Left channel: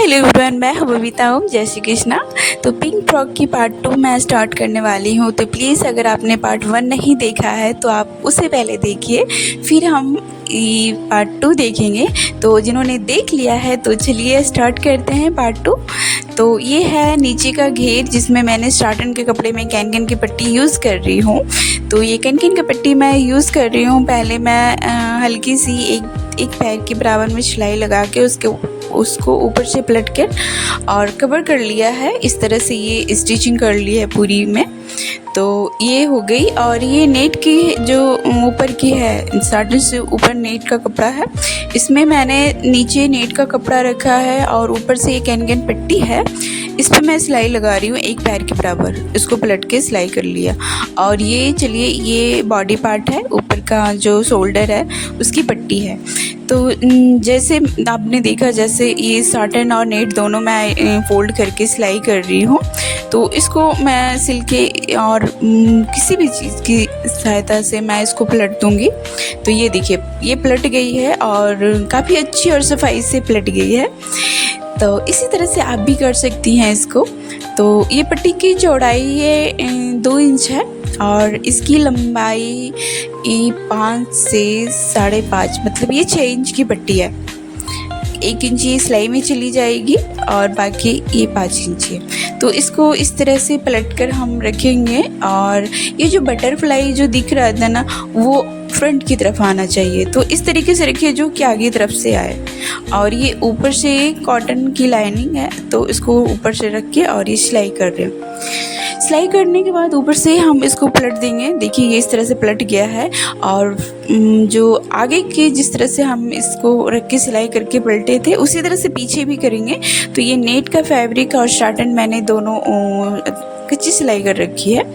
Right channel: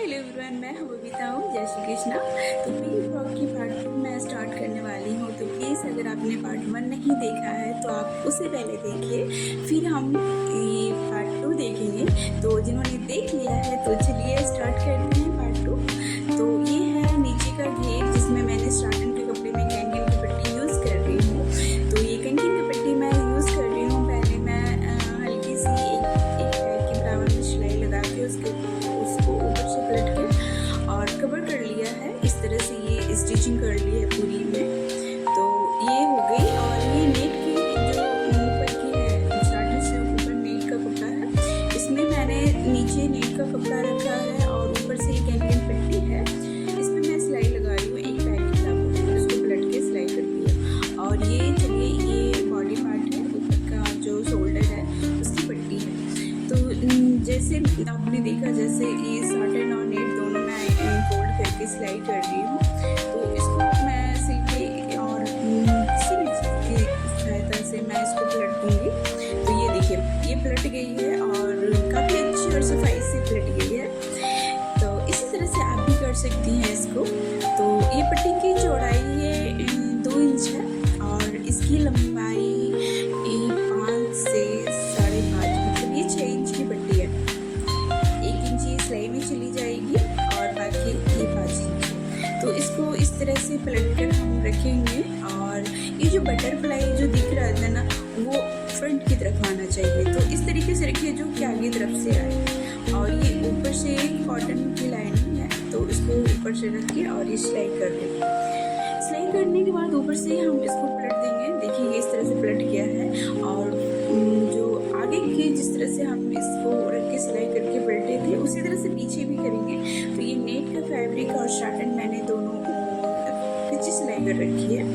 Hello everyone, मैं हूँ बबीता हूँ। जय श्री कृष्णा। तो पिंक फ्रॉक की पार्ट 2 मैं स्टार्ट करने वाली हूँ। तो प्लीज़ अगर आपने पार्ट 1 नहीं देखा है तो आप उसे पहले देखिए, फिर हम ये पार्ट 2 देखेंगे। तो जिन्होंने देख लिया है तो चलिए स्टार्ट करते हैं पार्ट 2। तो ये है नीचे का घेर जिसमें मैंने स्टार्टन के कपड़े में कैनकन की पट्टी यूज़ कर रही हूँ। तो ये कैनकन की पट्टी मैं यूज़ कर रही हूँ। पहले मैं हल्की सी एक पैर के बराबर में सिलाई लगा के उसको ऊपर से पलट कर और कवर कर लिया है। इस तरह से ये स्टिचिंग कर ली है पूरी में। तो ये हो गई। और ये नेट की जो ऊपर की है, स्टार्टर से ऊपर नेट का कपड़ा है, इसमें मैंने नीचे नेट का कपड़ा रखा है और ऊपर से ये कैनकन पट्टी है, इस पर मैं सिलाई लगा रही हूँ एक पैर के बराबर। इसको पलट के सिलाई कर लिया। और ये चलिए ये बॉडी पार्ट है, ऊपर का जो शोल्डर है उसकी पट्टी है। तो जैसे आपने देखा, जैसे ये साटन और नेट दोनों मैं फोल्ड करके सिलाई कर रही हूँ। तो इसको मैं सिल के और किसी भी चीज़ की सहायता से मैं इसको पलट दूँगी। तो ये देखिए ये पलट गई है और काफ़ी अच्छी और सफाई से पलट गई है। तो इसी तरह से आप भी कर सकती हैं इसको। तो ये पट्टी की चौड़ाई ये 2 इंच है और इसकी लंबाई 5 से 5.5, मतलब ये 6 इंच की पट्टी है। 1 इंच ये सिलाई में चली जाएगी और बाकी ये 5 इंच है। तो इसको इस तरह से पलट कर हम रखेंगे। और ये जो बटरफ्लाई जो दिख रहा था ना, वो फ्रंट की तरफ आना चाहिए। तो इस तरीके से रखिए जो कि आगे तरफ से आए। और ये ऊपर से कॉटन की लाइनिंग है, तो इसको ऊपर से रख के और ये सिलाई कर रहे हैं। सिलाई करने के बाद ऊपर से हम इसको पलट देंगे। देखिए ये इस तरह से पलट गया है। और जो आगे के जिस तरह से हम इसको रख के सिलाई करके पलटे थे, उसी तरह से पीछे भी करेंगे। तो ये नेट का फैब्रिक और साटन मैंने दोनों कच्ची सिलाई कर रखी है।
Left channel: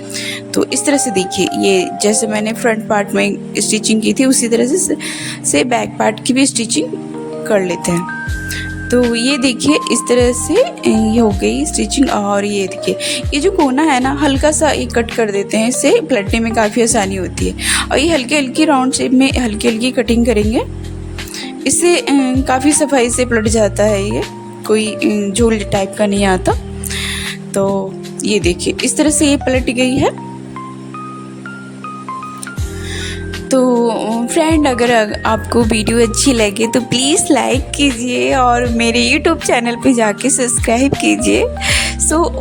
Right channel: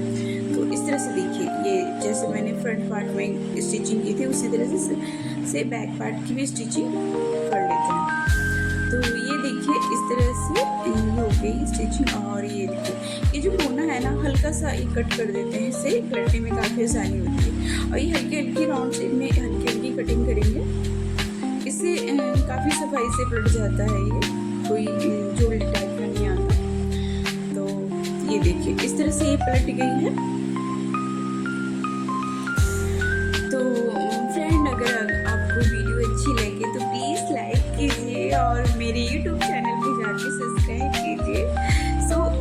तो इस तरह से देखिए, ये जैसे मैंने फ्रंट पार्ट में स्टिचिंग की थी उसी तरह से बैक पार्ट की भी स्टिचिंग कर लेते हैं। तो ये देखिए इस तरह से ये हो गई स्टिचिंग। और ये देखिए ये जो कोना है ना, हल्का सा एक कट कर देते हैं, इससे पलटने में काफ़ी आसानी होती है। और ये हल्की हल्की राउंड शेप में हल्की हल्की कटिंग करेंगे, इससे काफ़ी सफाई से पलट जाता है। ये कोई झोल टाइप का नहीं आता। तो ये देखिए इस तरह से ये पलट गई है। तो फ्रेंड, अगर आपको वीडियो अच्छी लगे तो प्लीज़ लाइक कीजिए और मेरे यूट्यूब चैनल पे जाके सब्सक्राइब कीजिए।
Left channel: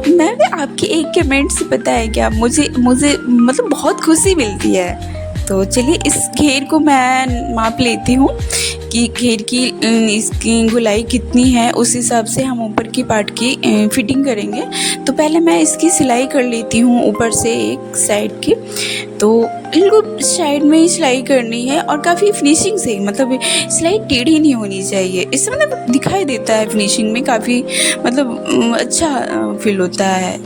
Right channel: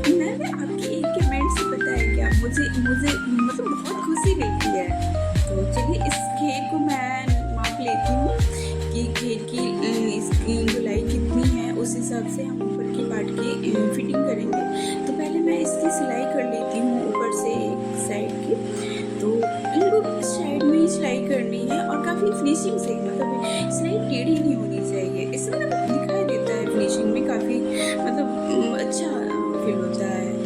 मैं आपके एक कमेंट से पता है क्या, मुझे मतलब बहुत खुशी मिलती है। तो चलिए इस घेर को मैं माप लेती हूँ कि घेर की इसकी गोलाई कितनी है, उस हिसाब से हम ऊपर की पार्ट की फिटिंग करेंगे। तो पहले मैं इसकी सिलाई कर लेती हूँ ऊपर से एक साइड की। तो इनको साइड में ही सिलाई करनी है और काफ़ी फिनिशिंग से, मतलब सिलाई टेढ़ी नहीं होनी चाहिए। इससे मतलब दिखाई देता है फिनिशिंग में, काफ़ी मतलब अच्छा फील होता है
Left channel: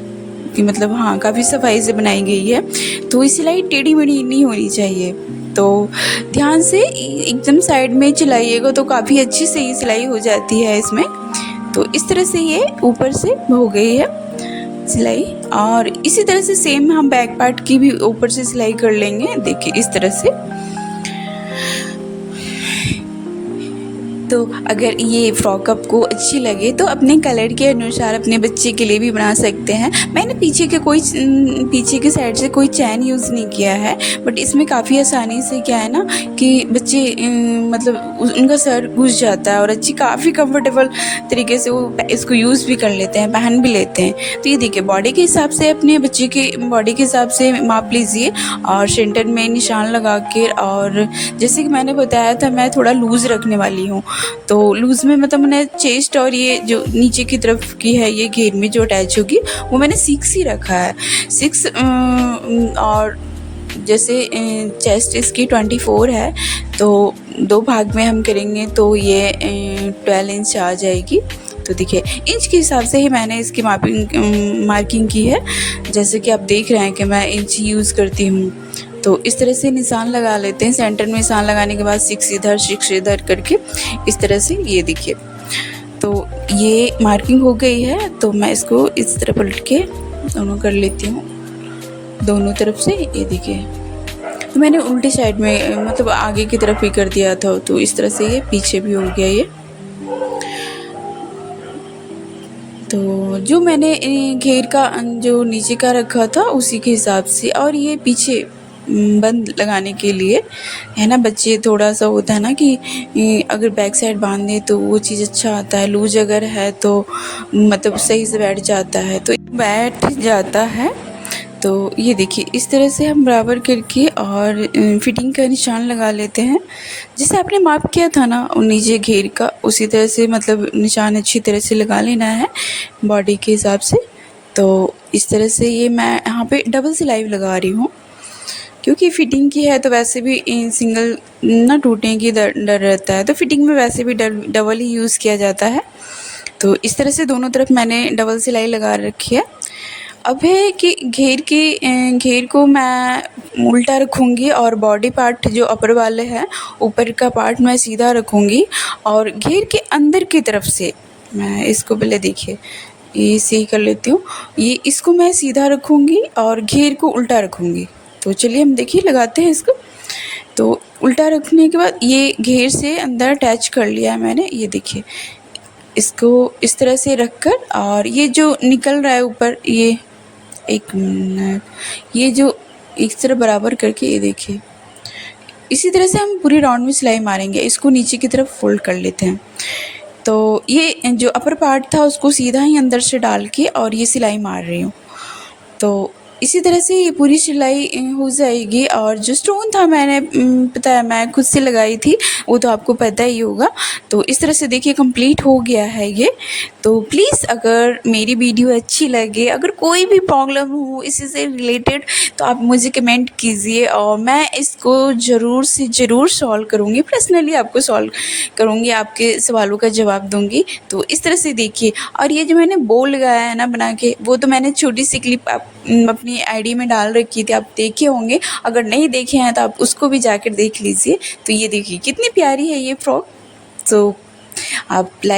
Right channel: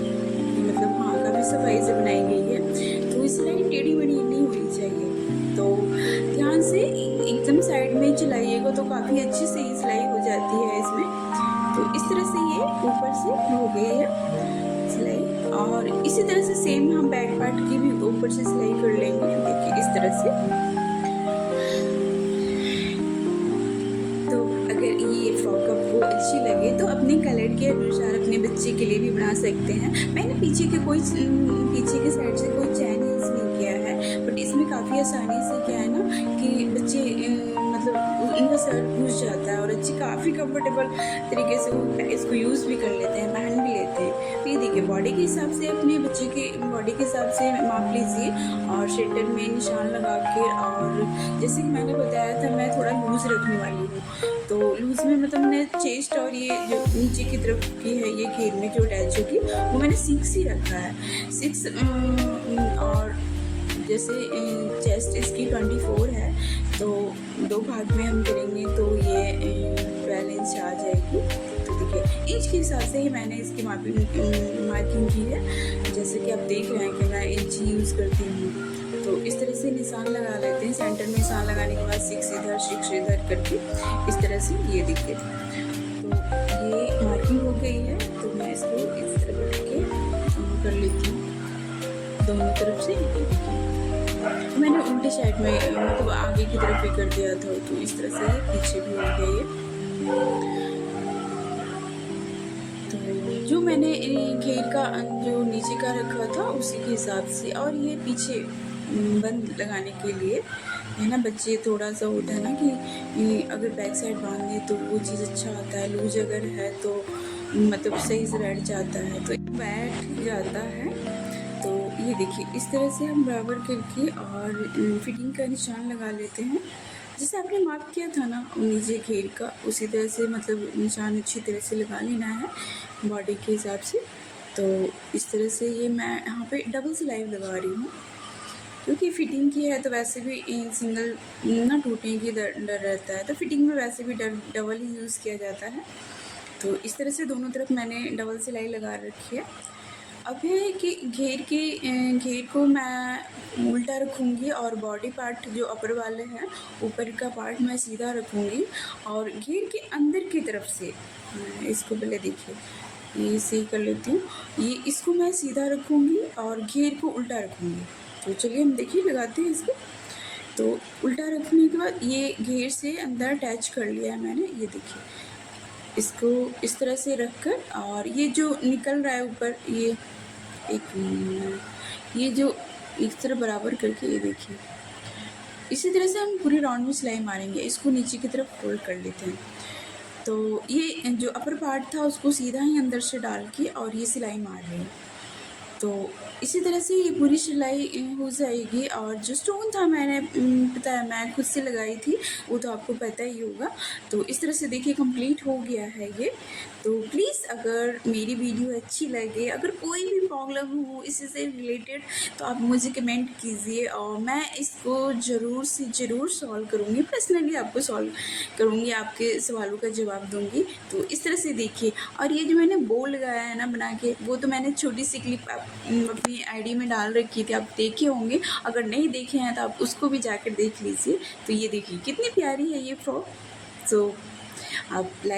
कि मतलब हाँ काफ़ी सफाई से बनाई गई है। तो ये सिलाई टेढ़ी मेढ़ी नहीं होनी चाहिए। तो ध्यान से एकदम साइड में चलाइएगा तो काफ़ी अच्छी से ही सिलाई हो जाती है इसमें। तो इस तरह से ये ऊपर से हो गई है सिलाई। और इसी तरह से सेम हम बैक पार्ट की भी ऊपर से सिलाई कर लेंगे। देखिए इस तरह से। तो अगर ये फ्रॉक आपको अच्छी लगे तो अपने कलर के अनुसार अपने बच्चे के लिए भी बना सकते हैं। मैंने पीछे के साइड से कोई चैन यूज़ नहीं किया है, बट इसमें काफ़ी आसानी से क्या है ना कि बच्चे मतलब उनका सर घुस जाता है और अच्छी काफ़ी कंफर्टेबल तरीके से वो इसको यूज़ भी कर लेते हैं, पहन भी लेते हैं। तो ये देखिए बॉडी के हिसाब से अपने बच्चे के बॉडी के हिसाब से माप लीजिए और सेंटर में निशान लगा के। और जैसे कि मैंने बताया था, मैं थोड़ा लूज़ रखने वाली हूँ। तो लूज़ में मतलब मैंने चेस्ट और ये जो नीचे की तरफ की है ये घेर में जो अटैच होगी वो मैंने 6 ही रखा है। 6 और जैसे चेस्ट इसकी 24 है, तो 2 भाग में हम करेंगे तो ये 12 इंच आ जाएगी। तो देखिए इंच के हिसाब से ही मैंने इसकी मार्किंग की है। जैसे कि आप देख रहे हैं कि मैं इंच यूज़ करती हूँ। तो इस तरह से निशान लगा लेते हैं। सेंटर में निशान लगाने के बाद 6 इधर करके इस तरह से ये देखिए। तो ये मार्किंग हो गई है। तो मैं इसको इस तरह पलट के दोनों कर लेती हूँ, दोनों तरफ से। ये देखिए मैंने उल्टी साइड में मतलब आगे की तरफ भी कर दिया था, तो इस तरह से ये पीछे भी हो गया ये। तो जो मैंने घेर का जो नीचे का रखा था उसी के हिसाब से, और ये पीछे बंद लगाने के लिए है ना, बच्चे थोड़ा सा होता है ना कि अगर बैक साइड बांध दें तो वो चीज़ अच्छा आता है, लूज अगर है तो मतलब सही से बैठ जाता है, तो बैठ जाता है। तो ये देखिए इस तरह से हम बराबर करके और फिटिंग का निशान लगा लेते हैं। जैसे आपने माप किया था ना नीचे घेर का, उसी तरह से मतलब निशान अच्छी तरह से लगा लेना है बॉडी के हिसाब से। तो इस तरह से ये मैं यहाँ पे डबल सिलाई लगा रही हूँ, क्योंकि फ़िटिंग की है तो वैसे भी सिंगल ना टूटने की डर रहता है, तो फिटिंग में वैसे भी डबल ही यूज़ किया जाता है। तो इस तरह से दोनों तरफ मैंने डबल सिलाई लगा रखी है। अब है कि घेर को मैं उल्टा रखूँगी और बॉडी पार्ट जो अपर वाले हैं ऊपर का पार्ट मैं सीधा रखूँगी, और घेर के अंदर की तरफ से मैं इसको पहले देखिए ये सही कर लेती हूँ, ये इसको मैं सीधा रखूँगी और घेर को उल्टा रखूँगी। तो चलिए हम देखिए लगाते हैं इसको। तो उल्टा रखने के बाद ये घेर से अंदर अटैच कर लिया है मैंने, ये देखिए इसको इस तरह से रख कर, और ये जो निकल रहा है ऊपर ये एक मिनट, ये जो इस तरह बराबर करके ये देखिए इसी तरह से हम पूरी राउंड में सिलाई मारेंगे। इसको नीचे की तरफ फोल्ड कर लेते हैं। तो ये जो अपर पार्ट था उसको सीधा ही अंदर से डाल के और ये सिलाई मार रही हूँ। तो इसी तरह से ये पूरी सिलाई हो जाएगी। और जो स्टोन था मैंने पता है मैं खुद से लगाई थी, वो तो आपको पता ही होगा। तो इस तरह से देखिए कंप्लीट हो गया है ये। तो प्लीज़ अगर मेरी वीडियो अच्छी लगे, अगर कोई भी प्रॉब्लम हो इसी से रिलेटेड, तो आप मुझे कमेंट कीजिए और मैं इसको ज़रूर से ज़रूर सॉल्व करूँगी, पर्सनली आपको सॉल्व करूँगी, आपके सवालों का जवाब दूँगी। तो इस तरह से देखिए, और ये जो मैंने बो लगाया है ना बना के, वो तो मैंने छोटी सी क्लिप अपनी आईडी में डाल रखी थी, आप देखे होंगे। अगर नहीं देखे हैं तो आप उसको भी जाकर देख लीजिए। तो ये देखिए कितनी प्यारी है ये फ्रॉक। तो आप लाइक